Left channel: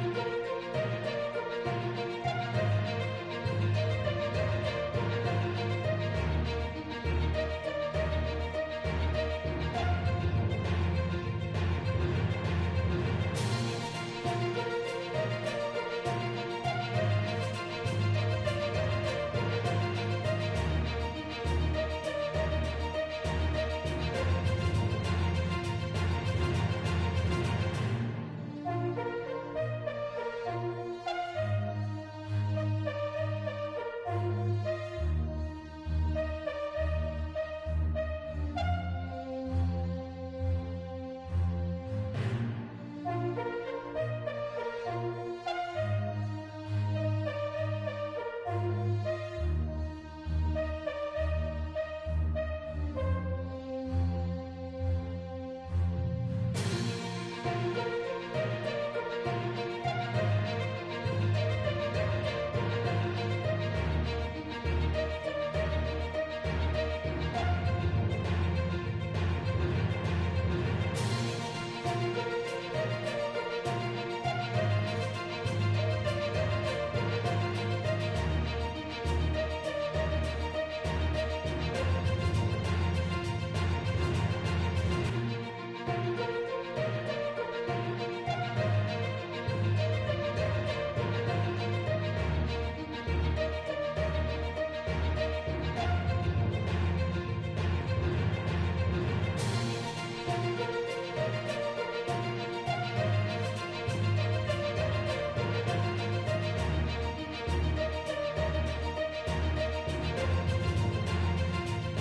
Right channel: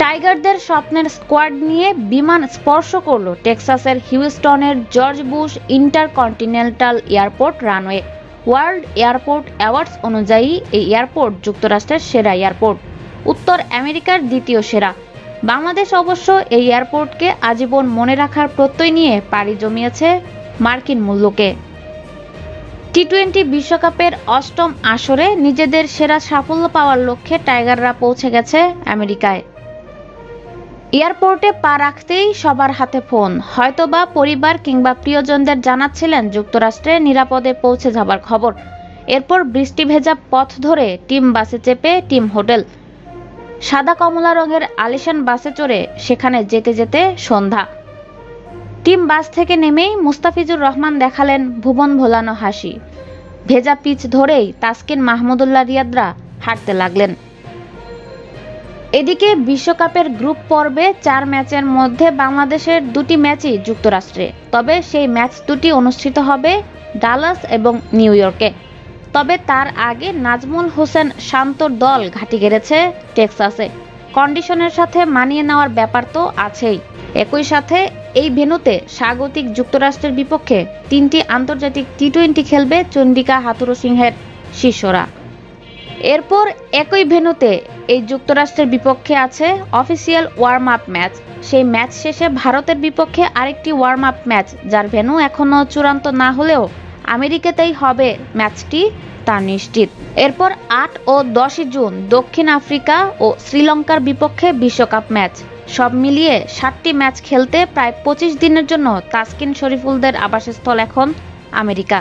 টাইগারদের স্বপ্নের স্কোয়াড নিয়ে বিমান স্পর্শ করল টেক্সাসের হিউস্টনের George Bush intercontinental airport runway. World airport awards অনুযায়ী এই এয়ারপোর্ট যুক্তরাষ্ট্রের সেরা এয়ারপোর্ট, উত্তর আমেরিকার দ্বিতীয় সেরা। বাংলাদেশ অবশ্য এই এয়ারপোর্টকে আজীবন মনে রাখার প্রত্যয় নিয়ে পাড়ি জমিয়েছে মার্কিন মূল্যকে। টি-20 বিশ্বকাপের অষ্টম আসরে নিজেদের সেরা সাফল্য পাওয়ার লক্ষ্যে টাইগাররা পৌঁছে গেছে আমেরিকায়। এয়ারপোর্টে পা রাখতেই সবার হাতে ফোন, হয়তোবা পরিবার কিংবা প্রিয়জনদের জানাচ্ছিলেন যুক্তরাষ্ট্রে নিরাপদে পৌঁছে যাবার খবর। এরপর বৃষ্টি ভেজা পথ ধরে টিম বাসে চেপে টিম হোটেল। সাদা কমলা রঙের আলিশান বাসে চড়ে সেখানে যেতে যেতে সন্ধ্যা। টিম বাস থেকে নেমেই মুস্তাফিজুর রহমান দেখালেন ভুবন ভোলানো হাসি। ভেজা পিচ ধরেই তাসকিন মাহমুদুল্লাহ রিয়াদরা হাঁটতে লাগলেন। এদিকে বিশ্বকাপের গ্রুপ পর্বে 4 ম্যাচের মধ্যে বাংলাদেশের 2টি ম্যাচই যুক্তরাষ্ট্রে, তবে সেই ম্যাচ দুটি অনুষ্ঠিত হবে ডালাস এবং নিউ ইয়র্কে। তবে তার আগে নাজমুল হোসেন শান্তর দল ঘাঁটি গেড়েছে টেক্সাসে। কন্ডিশনের সাথে মানিয়ে নেওয়ার ব্যাপার তো আছেই, একই সাথে এই ভেন্যুতে স্বাগতিক যুক্তরাষ্ট্রের বিপক্ষে 3টি আন্তর্জাতিক টি-20 খেলবে চন্ডিকা হাথুরুসিংহের শিষ্যরা। এরপর একই ভেন্যুতে এই যুক্তরাষ্ট্রের বিপক্ষে আছে অফিসিয়াল ওয়ার্ম আপ ম্যাচ। সেই ম্যাচ শেষে ভারতের বিপক্ষে আরেকটি ওয়ার্ম আপ ম্যাচ, যার ভেন্যু এখনো চূড়ান্ত না হলেও আমেরিকাতেই হবে ম্যাচটি, তা নিশ্চিত। এরপর 8 ও 10 জুন দক্ষিণ আফ্রিকা ও শ্রীলঙ্কার বিপক্ষে বিশ্বকাপ ম্যাচ। সব মিলিয়ে 7টি ম্যাচ খেলতে প্রায় 25 দিনের জন্য তাসকিন শরীফুলদের আবাসস্থল এখন আমেরিকা।